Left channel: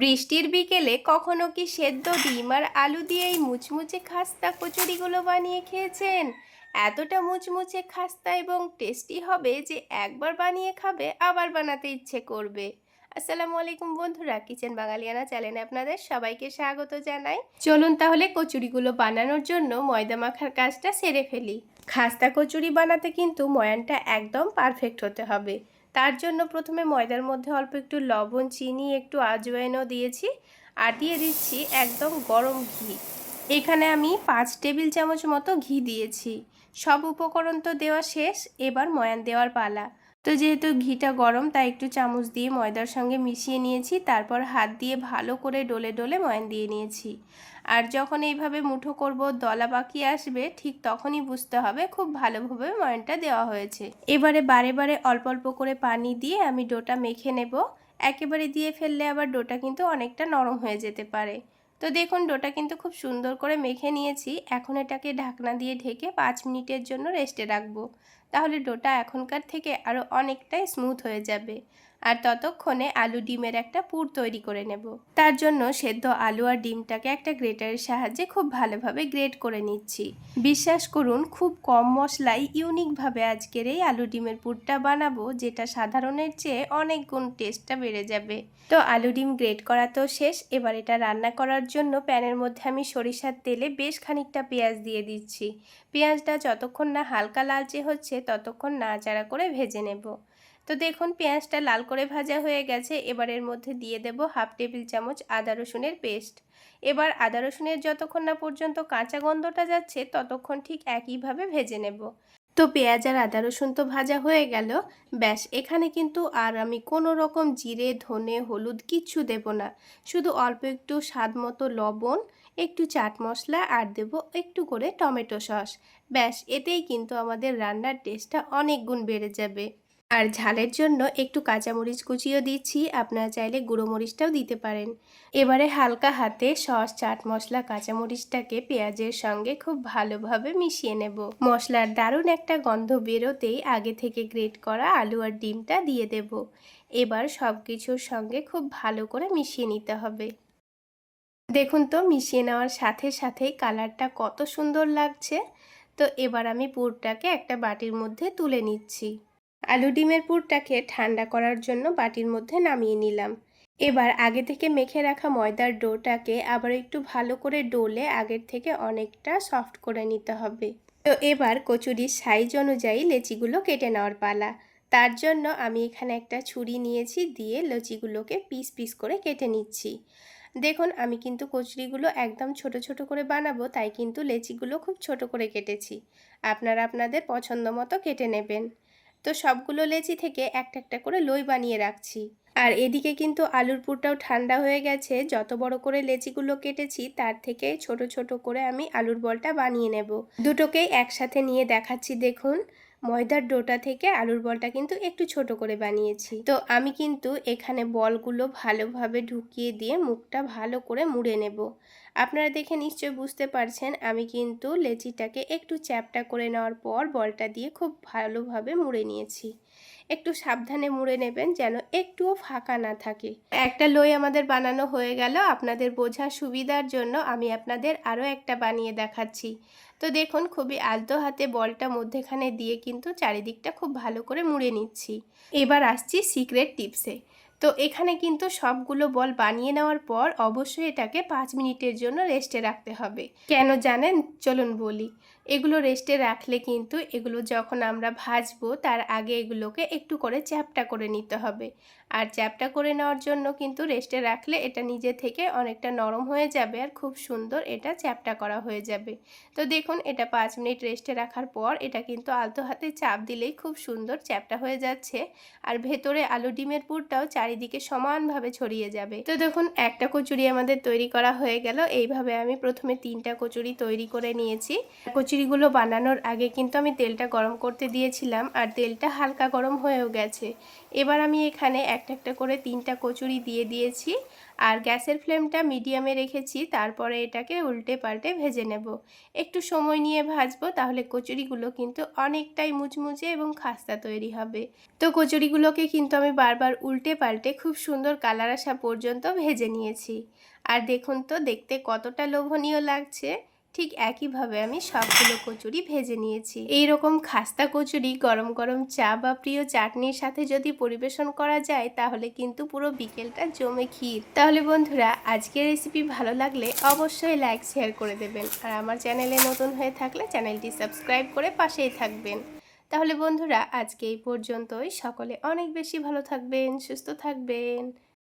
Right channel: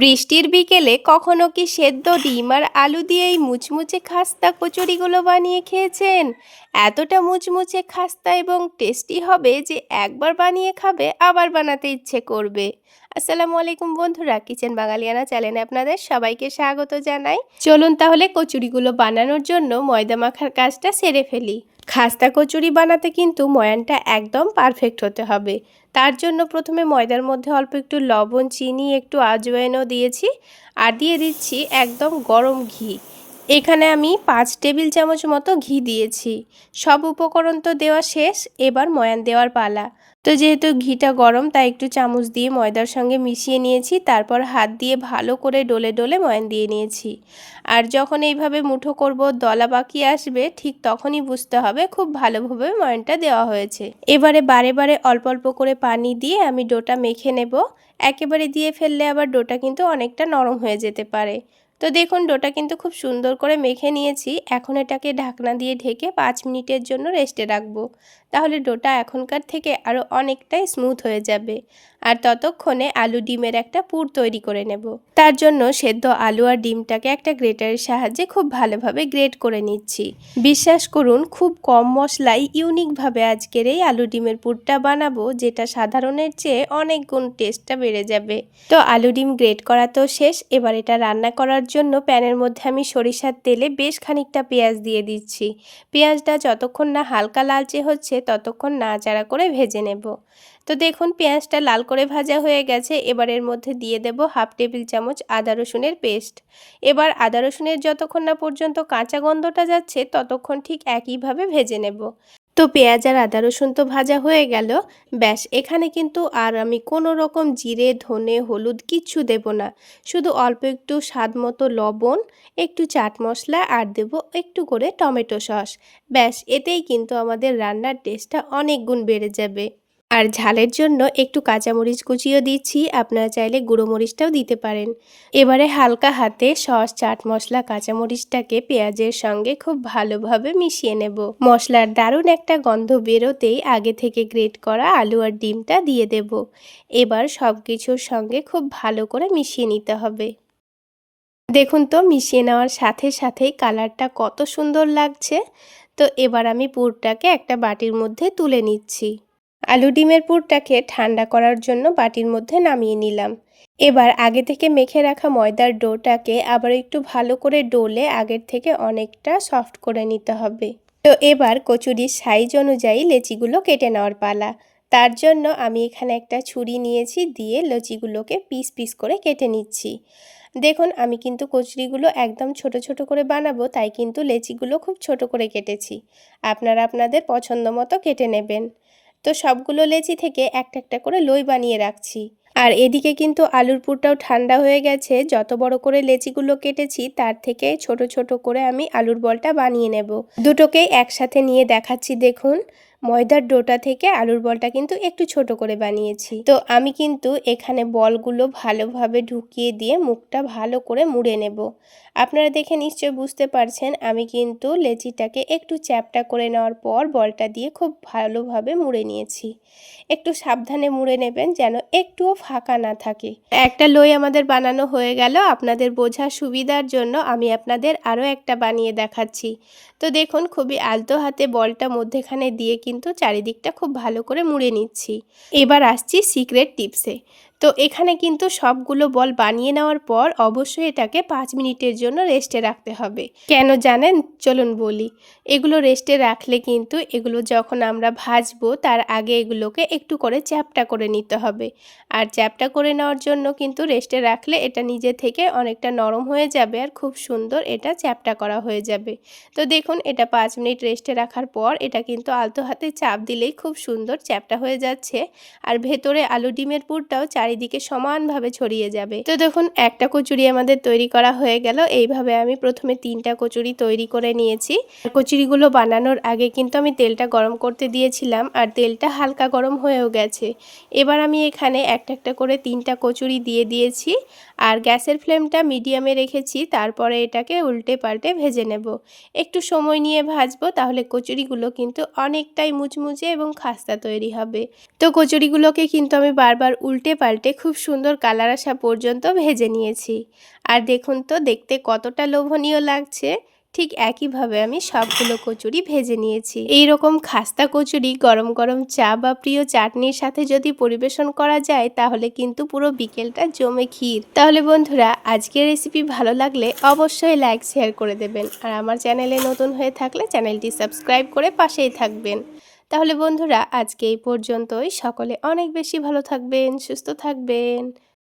বৃষ্টির বিকেলে কখনো কি সেদ্ধ ডিম আর আলু দিয়ে এই মুচমুচে খাস্তা কচুরিগুলো বানিয়ে খেয়েছেন? এতটা মুচমুচে খাস্তা এবং টেস্টি হবে যে একবার বানিয়ে খাবে আবার বানাতে ইচ্ছে করবে। আসসালামু আলাইকুম বন্ধুরা, কিচেন বাঙালিয়ানা চ্যানেলে আপনাদের সবাইকে স্বাগত জানাই। চলুন তাহলে কচুরিগুলো বানানোর জন্য ময়দা মাখার কাজটা সেরে ফেলি। খাস্তা কচুরি বানাতে কিন্তু ময়ানটা একদম পারফেক্ট হতে হবে। তার জন্য প্রথমে ময়দার মধ্যে অল্প একটু লবণ, চিনি, একটু আজওয়াইনও দিয়েছি আর দিয়ে দিচ্ছি একদম গরম ঘি। এখানে আমি 5 টেবিল চামচ মতো ঘি দিয়েছি। সব উপকরণ তো দেওয়া শেষ, এবার ময়ান দেওয়ার পালা। তো যেহেতু ঘিটা গরম তাই একটু চামচ দিয়ে ময়দার সঙ্গে মিশিয়ে নিয়েছি, তারপর হাত দিয়ে ভালো করে ডলে ডলে ময়ান দিয়ে নিয়েছি। আর যখন এইভাবে মুঠো করব, দলা পাকিয়ে আসবে, ঠিক তখনই বুঝতে হবে খুব ভালোভাবে ময়ানটা দেওয়া হয়েছে। এবারে বারে বারে অল্প অল্প করে পানি দিয়ে আমি ডোটা মেখে নেব। একেবারে দিয়ে ফেললে আবার ডোটা কিন্তু অনেকটা নরম হয়ে যেতে পারে। তো দেখুন ডোটা কিন্তু খুব সুন্দর করে মেখে নিয়েছি। এখন এটাকে ঢাকনা দিয়ে ঢেকে 5 মিনিটের জন্য রেস্টে রাখবো। তাহলে ডোটা এখনকার থেকে আরও অনেকটাই স্মুথ হয়ে যাবে। আর ততক্ষণে আলু ডিমের একটা পুর তৈরি করে নেব। তার জন্য সেদ্ধ আলু আর ডিমটাকে একটা গ্রেটারের সাহায্যে খুব ভালোভাবে গ্রেট করে নিচ্ছি। বিশ্বাস করুন, খুব কম মশলায় ইউনিকভাবে আজকের এই আলু ডিমের পুরটা বানাবো, যেটা সাধারণের চেয়ে অনেক গুণ টেস্টটা বেড়ে যাবে। তো আলু ডিম গ্রেট করা তো শেষ। এবার এটা রান্না করার জন্য প্যানের মধ্যে আমি সরিষার তেলে বেশ খানিকটা পেঁয়াজ দিয়ে দিচ্ছি। পেঁয়াজটা যতক্ষণ না হালকা লালচে হচ্ছে ততক্ষণ নাড়াচাড়া করে ভেজে নেব। তো দেখুন পেঁয়াজটা লাল করে ভাজা হয়ে গেছে। এবার এর মধ্যে দিয়ে দেব হাফ টেবিল চামচ আদা রসুনের পেস্ট। এবার আদা রসুনের যতক্ষণ না পর্যন্ত কাঁচা গন্ধটা যাচ্ছে ততক্ষণ ঠিক একইভাবে ভেজে নেব। তো পেঁয়াজ আর আদা রসুন তো ভাজা হয়ে গেল। ব্যাস, এখানে কিন্তু আর আমি কোনো রকম জিরে, ধনে, হলুদ কিচ্ছু দেব না। শুধু অল্প একটু স্বাদ মতো লবণ, একটু চাট মশলা আর দেব একটু করে টমেটো সস। ব্যাস, এতেই কিন্তু আমাদের রান্নার টেস্টটা অনেক গুণ বেড়ে যাবে। আর ঝালের জন্য একটু কাঁচামরিচ কুচিও দিচ্ছি, আপনারা চাইলে গুঁড়ো মরিচটাও দিতে পারেন। এবারে হালকা হাতে সস, চাট মশলা, কাঁচামরিচটাকে পেঁয়াজের সঙ্গে খুব ভালোভাবে মিশিয়ে নেব। মশলার দারুণ একটা গন্ধ বেরোতেই আগে থেকে গ্রেট করা আলু আর ডিমটা দিয়ে দেব। এবার সব কিছুর সঙ্গে খুব ভালো করে মিশিয়ে নিতে হবে। দেখুন তো মিশিয়ে নেওয়ার সাথে সাথেই কালারটা কত সুন্দর লাগছে। তো এবার আমি পুরটাকে একটা বাটির মধ্যে তুলে নিচ্ছি। আলু ডিমের পুরটাকে ঠান্ডা করার জন্য বাটির মধ্যে নামিয়ে নিলাম। এবার আগে থেকে মেখে রাখা ময়দার ডোটাকে আবার একটু ভালো করে ডলে আগের থেকে অনেকটা সফট করে নিতে হবে। তো এবার কচুরির সাইজ অনুযায়ী লেচিগুলো কেটে নেওয়ার পালা। তার জন্য আমি এখানে একটা ছুরি নিয়েছি, দিয়ে লচিগুলোকে পিস পিস করে কেটে নিচ্ছি। দেখুন আমি কিন্তু কচুরিগুলো একদম ছোট ছোট করে বানাবো, তাই কিন্তু লেচিগুলো খুব ছোট করে কেটেছি। আপনারা আপনাদের পছন্দ মতো কেটে নেবেন। তো সবগুলো লেচি থেকে একটা একটা করে লই বানিয়ে রাখছি। আর এদিকে কিন্তু আলুর পুরটাও ঠান্ডা হয়ে গেছে। যত বড় করে লেচিগুলো কেটেছি তার থেকে ছোট ছোট করে আমি আলুর বলটা বানিয়ে নেব। দুটোকেই একসাথে নিয়ে দেখাচ্ছি। দেখুন ময়দার ডোটা থেকে আলুর বলটা কিন্তু একটু ছোট করে বানিয়েছি। তো আমি কিন্তু এখানে বলগুলো ভালোভাবে ঢুকিয়ে দিয়ে মুখটা ভালো করে মুড়ে নেব। আপনারা দেখে নিশ্চয় বুঝতে পারছেন আমি কিন্তু লেচিটাকে একটু চ্যাপটা করে নেওয়ার পর বলটা দিয়ে খুব ভালোভাবে মুড়ে নিয়েছি। একটু সাবধানে মুড়ে নেবেন যেন একটুও ফাঁকা না থাকে। একটা লই আমাদের বানানো হয়ে গেল। আপনাদের বোঝার সুবিধার জন্য আমি আপনাদের আরও একটা বানিয়ে দেখাচ্ছি। তো দেখুন খুবই আলতো হাতে বলটা মধ্যেখানে দিয়ে কিন্তু চারিদিকটা খুব ভালো করে মুড়ে নিচ্ছি। এবার আসছি সিক্রেট টিপসে। তো এখানে কিন্তু সবগুলো বল বানিয়ে নেওয়ার পর অবশ্যই এটাকে 5 মিনিটের জন্য রেস্টে রাখতে হবে। কেন জানেন? চলুন বলি। এগুলো রেস্টে রাখলে কিন্তু এগুলো যখন আমরা ভাজবো তার আগে এগুলোকে একটু করে চ্যাপ্টা করে নিতে হবে। আর চ্যাপ্টা করে নেওয়ার জন্য কিন্তু রেস্টে রাখলে এটা নিজে থেকে অনেকটা নরম হয়ে যাবে আর খুব সুন্দর এটা চ্যাপ্টা করা হয়ে যাবে। তো দেখুন এটা 5 মিনিট রেস্টে রাখার পর এটা কিন্তু আলতো হাতে চাপ দিলেই খুব সুন্দর চ্যাপ্টা হয়ে যাচ্ছে। আর ভেতরে আলু ডিমের পুরটাও চারিদিকে সমানভাবে ছড়িয়ে যাবে। তো দেখুন একটা কচুরি আমাদের তৈরি করা হয়ে গেল। এইভাবে আমি প্রথমে 3টা কচুরি তৈরি করে নিয়েছি। কচুরিগুলো বানানোর আগে কিন্তু আমি তেলটা গরম করতে দিয়েছিলাম আর তেলটা হালকা গরম হয়েও গেছে। এবার আমি এখানে একটা একটা করে 3টা কচুরি দিয়ে দিয়েছি আর গ্যাসের ফ্লেমটা মিডিয়ামে রেখেছি। তারপরে এটাকে উল্টে পাল্টে ভেজে নেব। একটু সময় নিয়ে ভাজবো, তাহলে কচুরিগুলো কিন্তু অনেকটাই মুচমুচে এবং খাস্তা তৈরি হবে। তো কচুরিগুলোকে কিন্তু আমি বারবার উল্টে পাল্টে পাল্টে খুব সুন্দর কালার আসা পর্যন্ত ভেজে নিয়েছি। আর দেখুন তো দেখতে কতটা লোভনীয় লাগছে। ঠিক একইভাবে আমি সবগুলো কচুরি ভেজে নিয়েছি। এই রকম খাস্তা কচুরি গরম গরম চা বা প্রিয় চাটনির সাথে যদি পরিবেশন করা যায় তাহলে কিন্তু পুরো বিকেলটা জমে ক্ষীর। তাহলে বন্ধুরা, আজকের রেসিপি ভালো লাগলে অবশ্যই লাইক শেয়ার করে দেবেন। আর আমার চ্যানেলে নতুন হয়ে থাকলে চ্যানেলটি সাবস্ক্রাইব করে পাশেই থাকবেন। তাহলে বন্ধুরা, আজকে এই পর্যন্তই। সকলে অনেক বেশি ভালো থাকবেন, সুস্থ থাকবেন।